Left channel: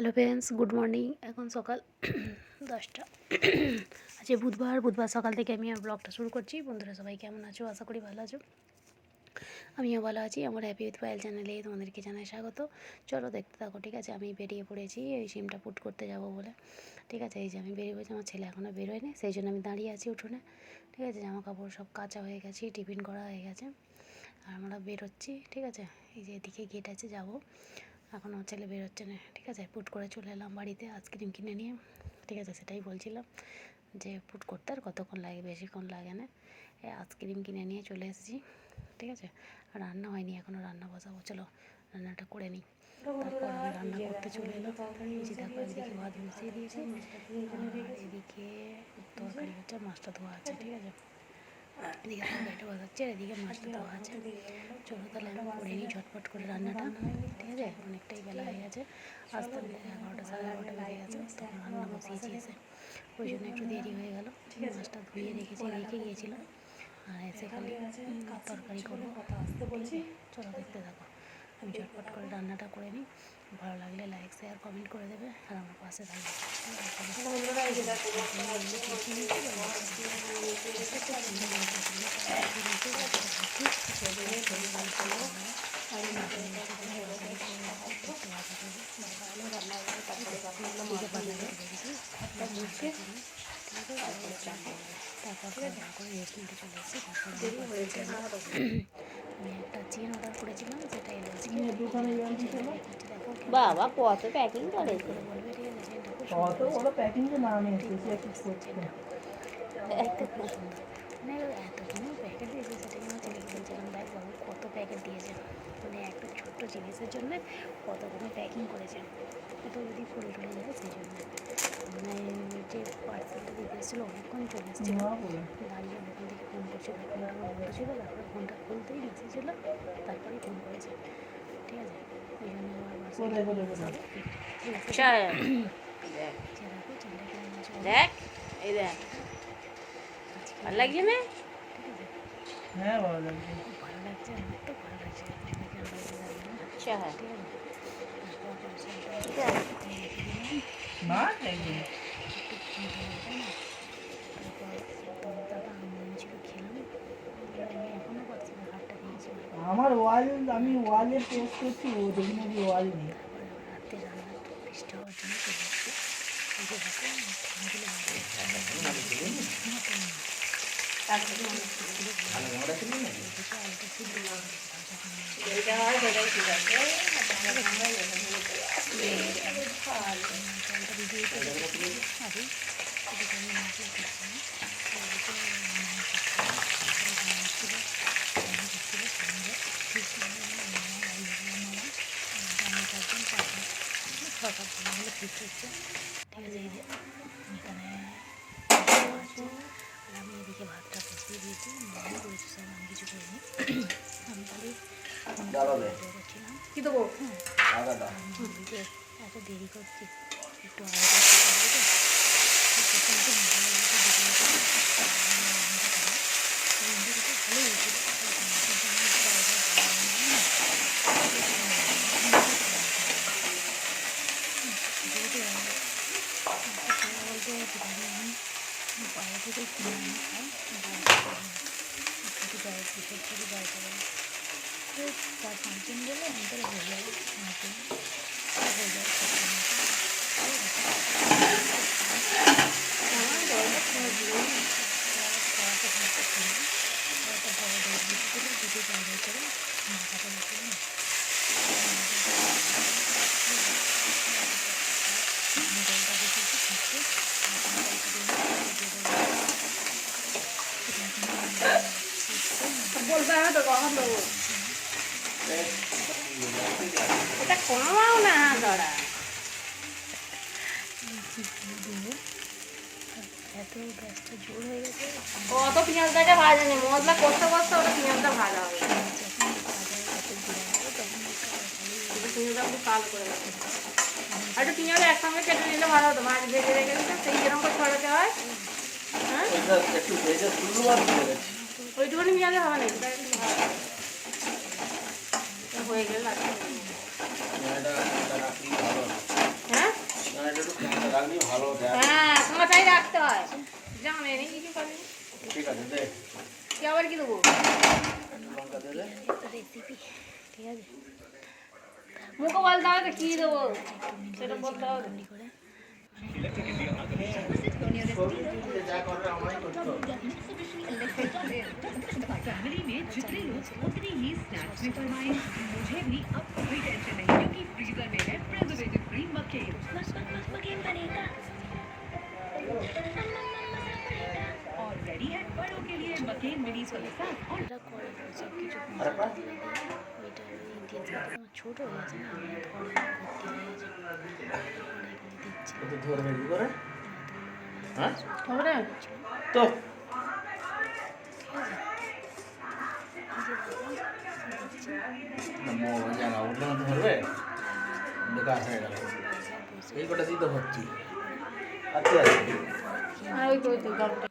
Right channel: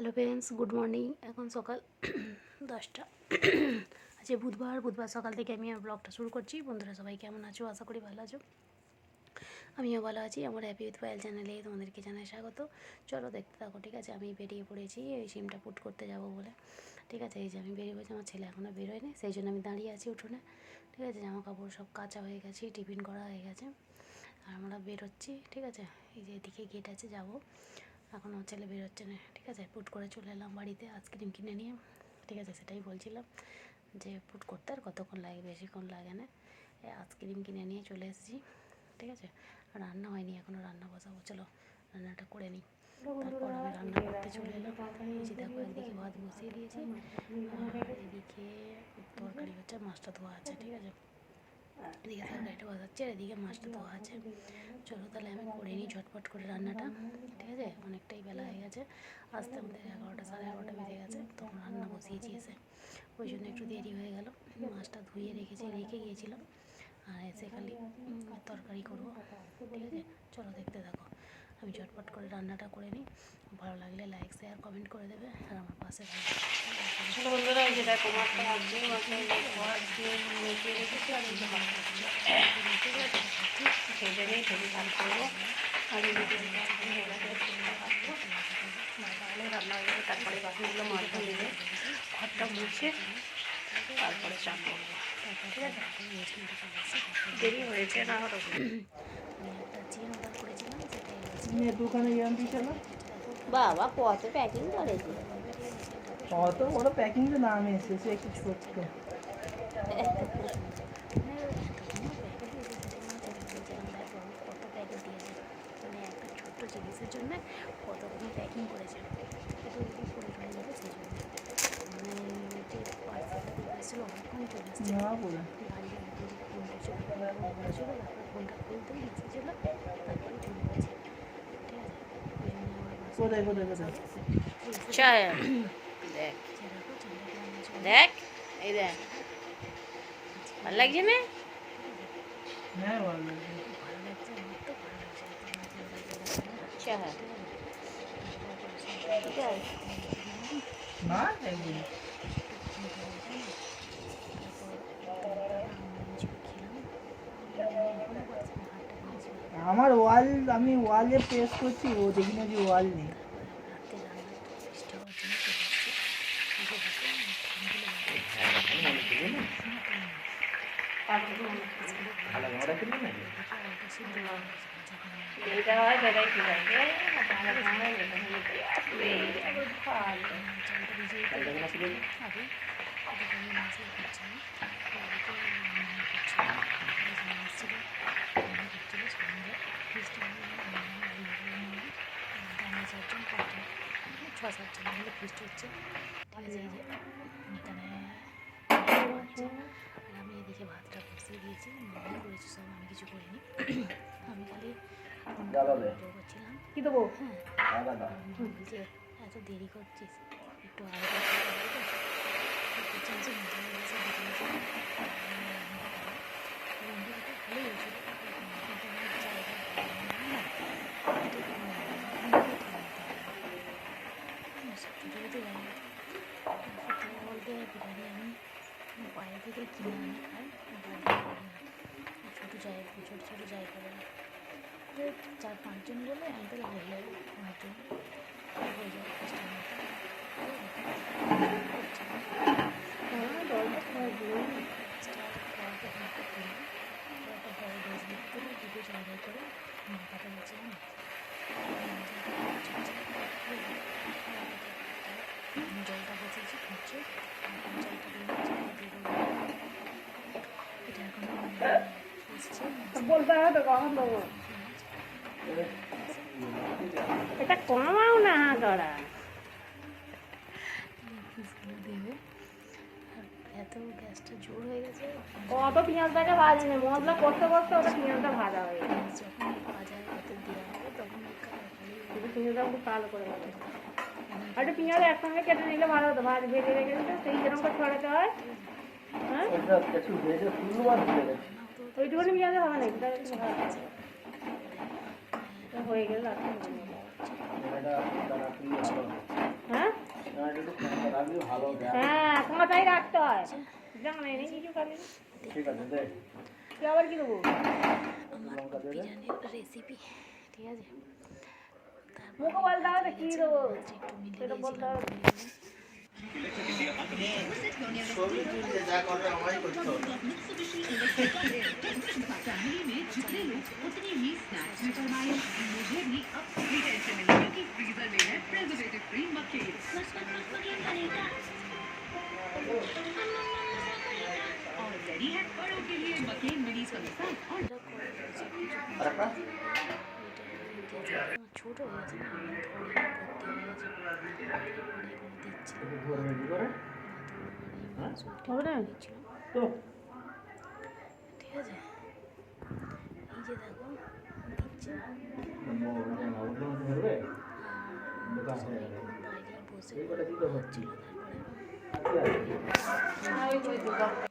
Hello friends, good morning. এখন সকাল 10টা। আজকে বুধবার সকাল থেকে আমি আর ব্লগটা শুরু করছি। বন্ধুরা সবাই কেমন আছো? আশা করি ভালো আছো। আমিও ভালো আছি। আমার হ্যাপি উইথ পায়েল চ্যানেলে তোমাদেরকে জানাই স্বাগত। চলো দেখতে থাকো, ঠিক আছে। আমি বেরিয়ে পড়েছি এই সিমটা পুট করতে যাব বলে, ঠিক আছে। এই যে আমি বেরিয়ে পড়েছি, আমার ছেলে এখনও বেরোয়নি, সেই জন্য আমি দাঁড়িয়ে আছি উঠোনে, ঠিক আছে। জামা কাপড় সব কাচা হয়ে গেছে, টিফিন করা হয়ে গেছে, আর আমরা বেরোচ্ছি, ঠিক আছে। এই যে এদিকে গেট আছে, যাবো। এখন আমার ছেলে বেরোচ্ছে না, ঠিক আছে। পুট করে চলে এলাম বাড়িতে আইসক্রিম কিনে নিয়ে, ঠিক আছে। সেটাই বলছিলাম যে পুট করতে আর কতক্ষণ লাগে, বেশিক্ষণ লাগে না। আইসক্রিম কিনে নিয়ে চলে এসেছি, ঠিক আছে। আর রান্না হয়নি এখনও, রান্না বসাবো। চলো রান্নাটা করে নিই, তারপর আমি রান্না করতে চলে এলাম। এই যে দেখো, এদিকে ভাত বসিয়ে দিয়েছি, আর এদিকে তরকারি হচ্ছে, মাছটা ধোয়া আছে, ঠিক আছে। এদিকে তরকারিটা বসাচ্ছে আর এদিকে মাছটা ধোয়া আছে। চলো তাহলে আমি করে নিই ঝটপট করে রান্নাটা, ঠিক আছে। অনেকটাই বেলা হয়ে গেছে, আসতে আসতে 11টা সাড়ে 11টা বেজে গেছে, তখন রান্না বসিয়েছি এসে, ওই জন্য একটু দেরি হয়ে গেল। মাছটা ধুয়ে রেখে গিয়েছিলাম, আর এসে খালি তরকারি করবো, ঠিক আছে। চলো দেখতে থাকো, আমি ঝটপট করে রান্নাটা করে নিই। ভালো লাগলে লাইক শেয়ার কমেন্ট করে দেবে, আর আমার পাশে থাকবে। বন্ধুরা এই যে দেখো ভেজে নিয়ে ভেজে চাল করবো। আর রান্না হয়ে যাবে, তারপরে বাকিগুলো মাছটা নেবে, ঘরটা মুছে তারপরে চাল করবো। ঠিক আছে, দেরি হয়েছে না হলো। আমি একটা চেন অর্ডার করেছিলাম, সেটা দোকানে গিয়েছিল। বাবা কত প্যাকিং করেছে, কত বড় প্যাকিং যে না আমি এসেছি একটু ছোট্ট। কত প্যাকেট দিয়েছে, মানে একটা ছোট্ট জিনিসের জন্য কতগুলো প্যাকিং করেছে। এটা যদি করে চলে যাবে, সেই জন্য মানে যে পার্সেলটা দিতে এসেছিলো অনেকক্ষণ চলে এসেছিলো, বাড়ির মধ্যে ফোনটা ছিল, ফোনটা বন্ধ ছিল, তারপরে ফোনটা খুলতেই মেসেজ এলো, তারপরে ফোন করেছে, ঠিক আছে। ওই জন্য আমার দেখ এই দেখ, ভালো লাগছে না? হ্যাঁ ভালো লাগছে। ভালো লাগছে, আমার তো ভালো লাগছে। আচ্ছা হ্যাঁ, ঠিক আছে। না একদম আমার ওয়াল, আমি ওয়ালে প্রেস করছি, ও দেখি নাকি ওয়াল নেই। যেটা হয় সেটাই ঠিক আছে। আমি এদিকে ভাতটা বসিয়ে দিয়েছি, মনে করেছি সব আমি কিছু করিনি, আমি খালি করছিলাম। কি দেবো? এদিকে এত দেরি করছি, একটু ভালোই হয়েছিল। বাইরে থেকে কিনে আনি খাই, শুধু গায়ে বিশেষ করে গায়ে করে 4-5 দিন বলে আমাদের হয়ে যায়, 5 দিন হয়ে যায়। খাওয়াতে খাওয়াতে কিনে একটা বড় 1.5 লিটার দুটো জায়গায় করে মাথাটা বসলাম। জলটা বসেছি থাকতে, বলতে হবে তো কখন দেবো, এটা কমাও না ধরা। এত গ্যাসটা জোর হয়ে গেছে, অত পেঁয়াজটাকে ভাজা নেই, মশলা কষতে কষতে ওটা পেঁয়াজটা ভাজা হয়ে গেছে। যখন ভাজা এত জিরা হবে তখন পেঁয়াজটা একটু কালো করে গেছে, আর একটু পেঁয়াজ একসঙ্গে কেটে নিলে ভালো হতো, ভাজ ভেজে রেখে দিতে সেই যেরকম করে ছড়াতে হয়। হ্যাঁ, ওইটুকুনি পেঁয়াজে হবে না, এটা একটু ভাজা হয়ে গেলে লাগবে। হ্যাঁ মাথায় রাখতে হয় জানে নেই কিছু করে ঠিক আছে দে কি আবার কি দেবো লঙ্কা দে দে রেসিপি ঠিক আছে মুখে বলতে হবে তো কি দেবো সেটা বলতে হবে সবই তুই যা করে আমায় করতে হবে फैमिली में जितने लोग उतनी ही स्नैक्स में फरमाए मुझे भी अब कोई टेंशन नहीं क्योंकि फ्रीजर में है प्रिजर्वेटिव फ्री मक्केन और रेडी है बड़ों के लिए मक्केन मिनीज का मसाला और আরেকটা ছোট হয়েছে না একটু ধরবে কি করে হ্যাঁ হবে না তো জায়গা উঠলে না ধরবে বেকার হয়ে গেল এই কটা দিতে হচ্ছি আচ্ছা ওই তো গল্পটা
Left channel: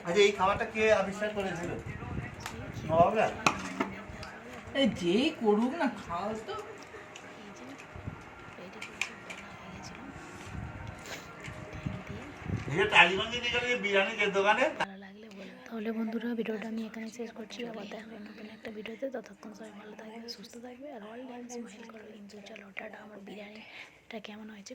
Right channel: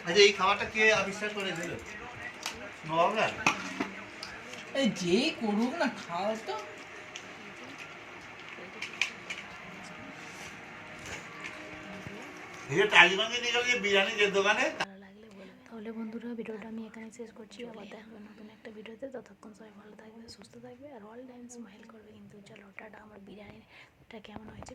আচ্ছা এই খাবারটা কে আবিষ্কার করেছিল নবাবরা এই যেই করুক না খাও তো এই টালিবাঙ্গি নিয়ে গেলে বিরিয়ানির দোকানে ভালো লাগলে বলবে তাহলে বন্ধুরা ভিডিওটা আমি এখানে শেষ করছি আবার দেখবো নতুন একটা ভিডিওতে ততক্ষণ সবাই ভালো থাকবে সুস্থ থাকবে আর অল টাইম স্মাইল করবে কিন্তু চলো টাটা আমার বিরিয়ানিটা কেমন হয়েছে